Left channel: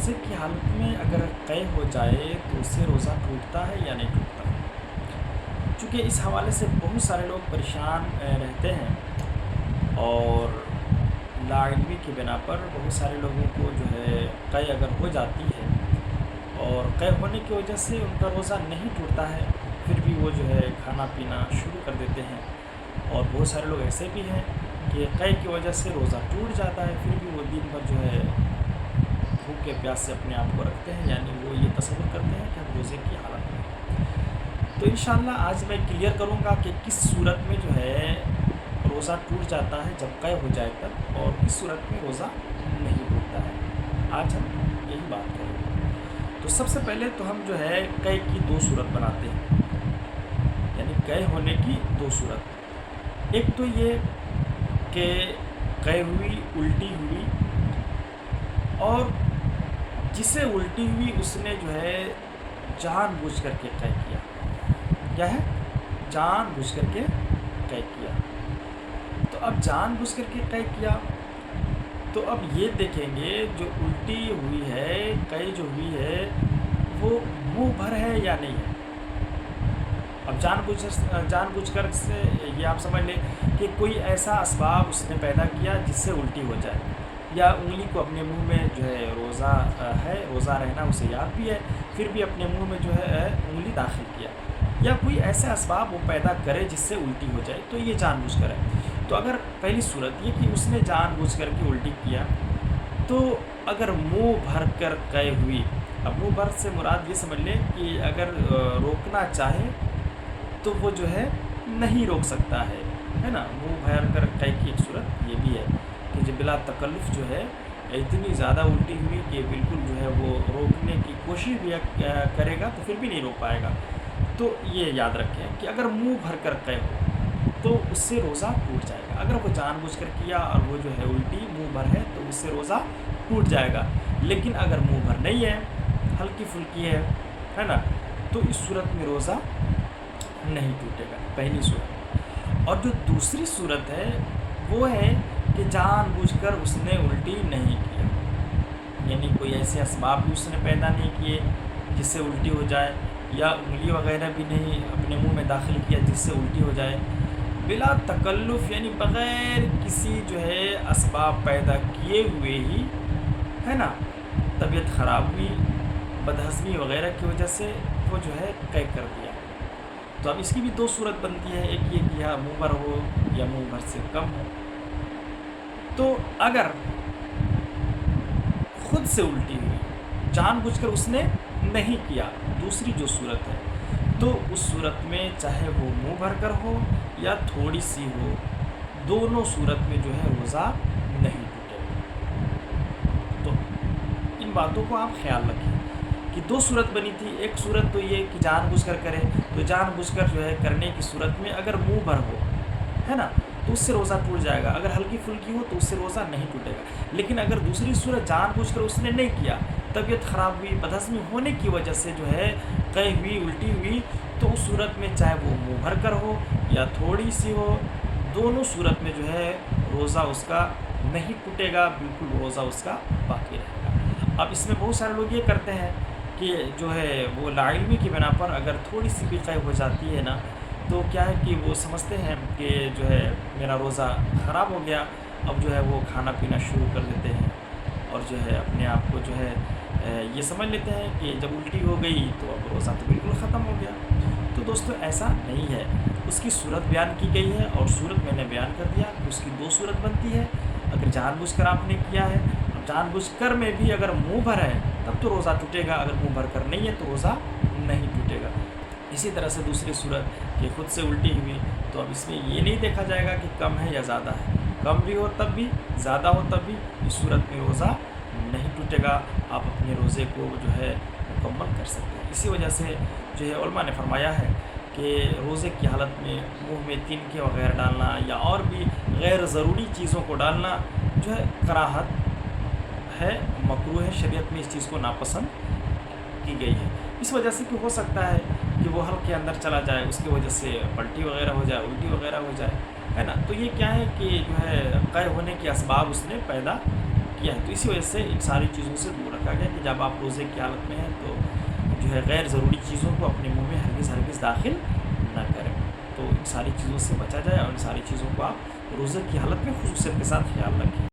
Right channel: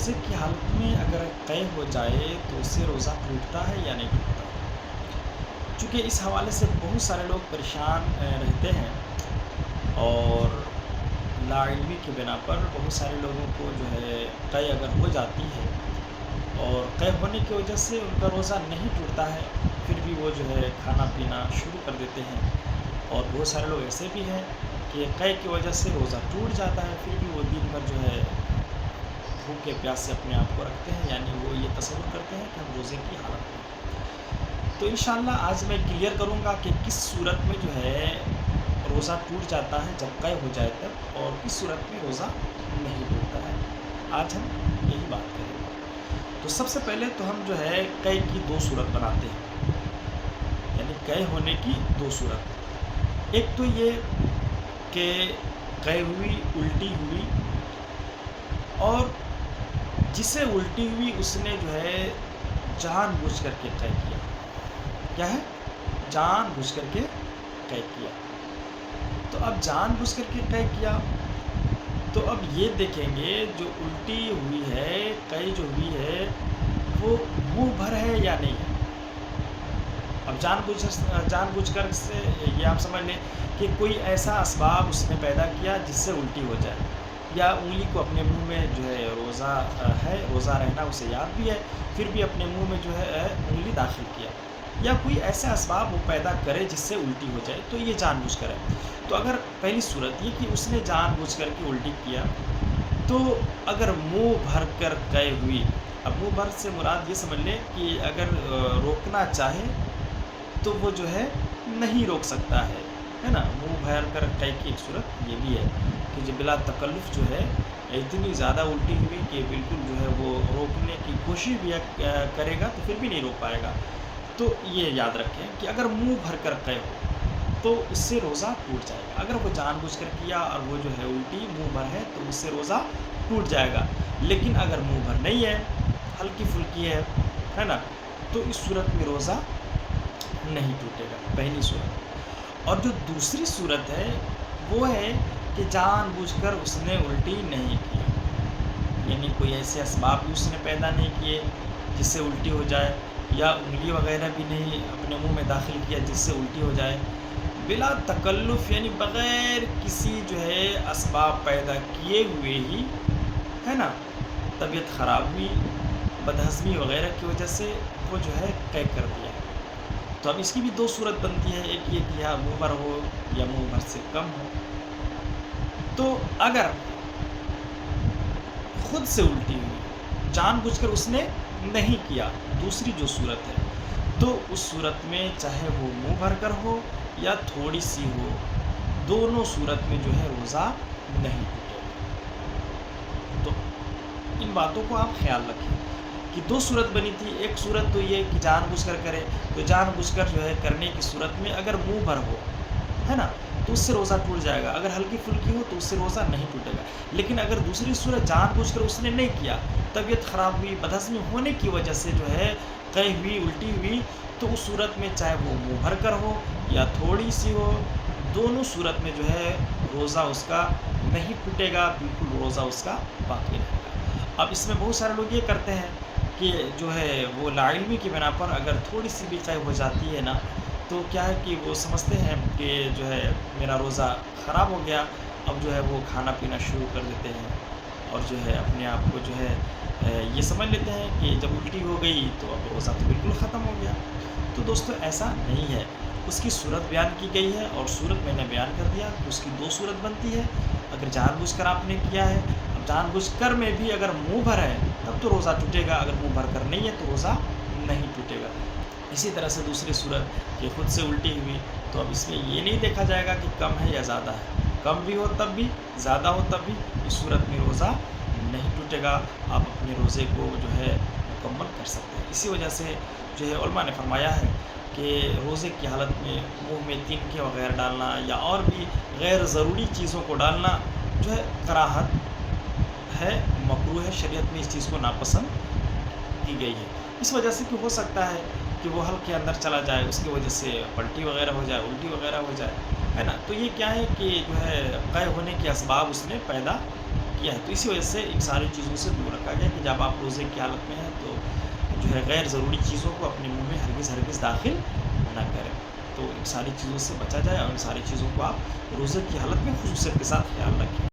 روزے کی حالت میں اگر قے ہو جائے تو اس سے روزہ ٹوٹتا ہے یا نہیں ٹوٹتا؟ چونکہ اس حوالے سے بہت سارے لوگ پریشان رہتے ہیں، اور لا علمی کی بنا پر بہت سارے لوگوں کو جو ہے قے اگر ہو جاتی ہے اور قے ہونے کی وجہ سے ان کا روزہ نہیں ٹوٹتا ہے، پھر بھی وہ جو ہے کھانا پینا شروع کر دیتے ہیں، اور بہت سارے لوگ ایسے بھی ہیں کہ قے کی وجہ سے روزہ ٹوٹ جاتا ہے، پھر بھی وہ دن بھر جو ہے بھوکے پیاس سے اپنے آپ کو رکھتے ہیں، یعنی وہ یہ تصور کرتے ہیں کہ ہم روزے کی حالت میں ہیں۔ تو انشاءاللہ آج میں کلیئر کروں گا کہ کس صورت میں جو ہے روزہ ٹوٹ جاتا ہے جب قے ہو جائے تب، اور کس صورت میں روزہ نہیں ٹوٹتا ہے۔ آج ہم یہی بات کریں گے۔ تو سب سے پہلے تو ہم جو ہے قے کی دو صورت بناتے ہیں، یعنی قے ہونے کی دو صورت۔ ایک تو یہ کہ قے ہوئی، الٹی ہوئی، اور جسے الٹی ہوئی اس نے جو ہے جان بوجھ کر کے قے کیا۔ کیا ہے؟ جان بوجھ کر کے قے کیا۔ تو اب جان بوجھ کر کے قے کیا، تو اب یہ دیکھیں گے جو الٹی ہوئی ہے، قے جو ہوئی ہے وہ منہ بھر ہے یا نہیں ہے۔ اب جان بوجھ کر سے یہ آپ سمجھ لیں کہ کوئی ایسا اسباب اس نے پیدا کیا جس سے الٹی ہو جائے، یا انگلی کو اپنے منہ میں جو ہے روزہ ہے، روزہ رہنا اسے یاد بھی ہے، پھر بھی اپنے منہ میں جو ہے انگلی داخل کیا، یا کوئی ایسا اسباب وہ پیدا کرے جس سے الٹی ہو جائے، تو یہ جان بوجھ کر ہے۔ تو اگر پہلی صورت یہ کہ اس نے جان بوجھ کر کے الٹی کیا، تو اگر منہ بھر کر قے ہوئی، اب منہ بھر سے مراد یہ سمجھ لیں کہ اگر روکنا چاہے تو وہ جو ہے نہیں روک سکتا ہے نا۔ منہ بھر کر قے کی ایک صورت یہ بھی ہے کہ جو بلا تکلف جو ہے اتنی زیادہ الٹی ہوئی کہ بالکل جو ہے وہ روکنے کی کوشش بھی کرے گا تو پھر بھی نہیں روک پائے گا۔ تو یہ یاد رکھیں کہ اگر منہ بھر کر قے ہو تو اس سے روزہ ٹوٹ جائے گا۔ اگر وہ جان بوجھ کر کیا اور وہ جو ہے الٹی منہ بھر ہے تو اس سے روزہ ٹوٹ جائے گا، لیکن اگر منہ بھر نہیں ہے، ہلکی پھلکی ہے نا، تو اس صورت میں روزہ نہیں ٹوٹے گا، پہلی صورت۔ اور جو دوسری صورت ہے وہ ہے کہ جان بوجھ کر اس نے الٹی نہیں کیا، یعنی کوئی ایسے اسباب بھی اس نے پیدا نہیں کیے جس سے الٹی ہو جائے، یا انگلی وغیرہ بھی نہیں اپنے منہ میں داخل کیا جس سے الٹی ہو جائے، بلا تکلف یعنی بغیر کسی جو ہے اسباب پیدا کیے ہوئے ہی، ہے نا، طبیعت خراب ہوئی، بدہضمی وغیرہ کی وجہ سے وہ جو ہے قے کر دیا۔ تو اب اس کی بھی دو صورت بنتی ہے، ایک یہ کہ منہ بھر ہو یا منہ بھر سے کم ہو۔ تو اگر خود سے الٹی ہوئی، جان بوجھ کر اس نے نہیں کیا، دوسری جو صورت ہے، تو اس صورت میں چاہے وہ منہ بھر کر ہو یا تھوڑی سی ہو، دونوں صورت میں جو ہے روزہ نہیں ٹوٹے گا۔ تو ان باتوں کو آپ خیال رکھیں کہ دو صورت بنی تھی۔ ایک صورت تو یہ کہ جان بوجھ کر کرے، تو جان بوجھ کر جو ہے کرنے کی صورت میں اگر منہ بھر ہو، ہے نا، تو اس سے روزہ ٹوٹ جائے گا، اگر ہلکی پھلکی ہو تو اس سے روزہ نہیں ٹوٹے گا۔ لیکن اگر دوسری صورت جان بوجھ کر اس نے نہیں کیا، طبیعت خراب ہوئی، بدہضمی ہونے کی وجہ سے جو ہے قے ہوئی، الٹی ہوئی، تو اس صورت میں چاہے وہ منہ بھر کر ہو یا تھوڑی سی ہو، دونوں صورت میں جو ہے روزہ اس کا نہیں ٹوٹے گا، بالکل روزہ اس کا باقی رہے گا۔ اب اس میں بہت سارے لوگ یہ کرتے ہیں کہ جو ہے وہ لا علمی کی بنا پر اگر تھوڑی سی بھی قے ہو جاتی ہے نا، تو کیا ہے کہ وہ سمجھتے ہیں کہ جو ہے میرا روزہ خراب ہو گیا، اب جو ہے وہ کھانا پینا شروع کر دیتے ہیں، اور جو ہے اپنے آپ کو جو ہے یہ سمجھ لیتے ہیں کہ جب الٹی ہو گئی تو اب روزہ تو بالکل ختم ہو گیا۔ تو دوستو ایسا نہیں ہے، اس کی صورت بیان کی گئی ہے، اور صورت میں نے بیان کر دیا کہ اس کی دو صورت بنتی ہے۔ اگر جان بوجھ کر آپ نے کیا ہے، اب جان بوجھ کر میں بھی اگر منہ بھر ہے تب تو روزہ ٹوٹے گا، اگر منہ بھر کر نہیں ہے تو روزہ نہیں ٹوٹے گا۔ اسی طرح سے دوسری صورت کہ خود سے الٹی ہوئی، تو اب اس میں یہ نہیں دیکھا جائے گا کہ کم ہے یا زیادہ ہے، کم بھی ہو تب بھی، زیادہ ہو تب بھی، اس صورت میں روزہ نہیں ٹوٹے گا، آپ اپنے روزے کو جو ہے مکمل کر سکتے ہیں۔ اسی وجہ سے جو ہے علماء نے فرمایا ہے کہ روزے کی حالت میں منہ میں تنکے وغیرہ ڈالنا یا اور بھی غیر ضروری چیزوں کو ڈالنا جو ہے کراہت ہے، مکروہ ہے، شریعت میں اس چیز کو ناپسند کی گئی ہے۔ اس وجہ سے کہ ہو سکتا ہے کہ وہ حلق کے اندر چلا جائے، اس کی وجہ سے پلٹی وغیرہ ہو جائے، الٹی وغیرہ ہو جائے، ہے نا۔ تو یہ کیا ہے کہ جو ہے قے ہونے کے اسباب اس نے پیدا کیا ہے، تو اسی وجہ سے ان ساری چیزوں سے دور رکھا گیا کہ جب آپ روزے کی حالت میں ہیں تو جو ہے غیر ضروری چیزوں کو اپنے منہ میں ہرگز داخل نہ کریں، تو ان ساری چیزوں سے بچا جائے اور ان ساری چیزوں کو آپ روزے کی حالت میں خصوصیت کے ساتھ خیال رکھیں۔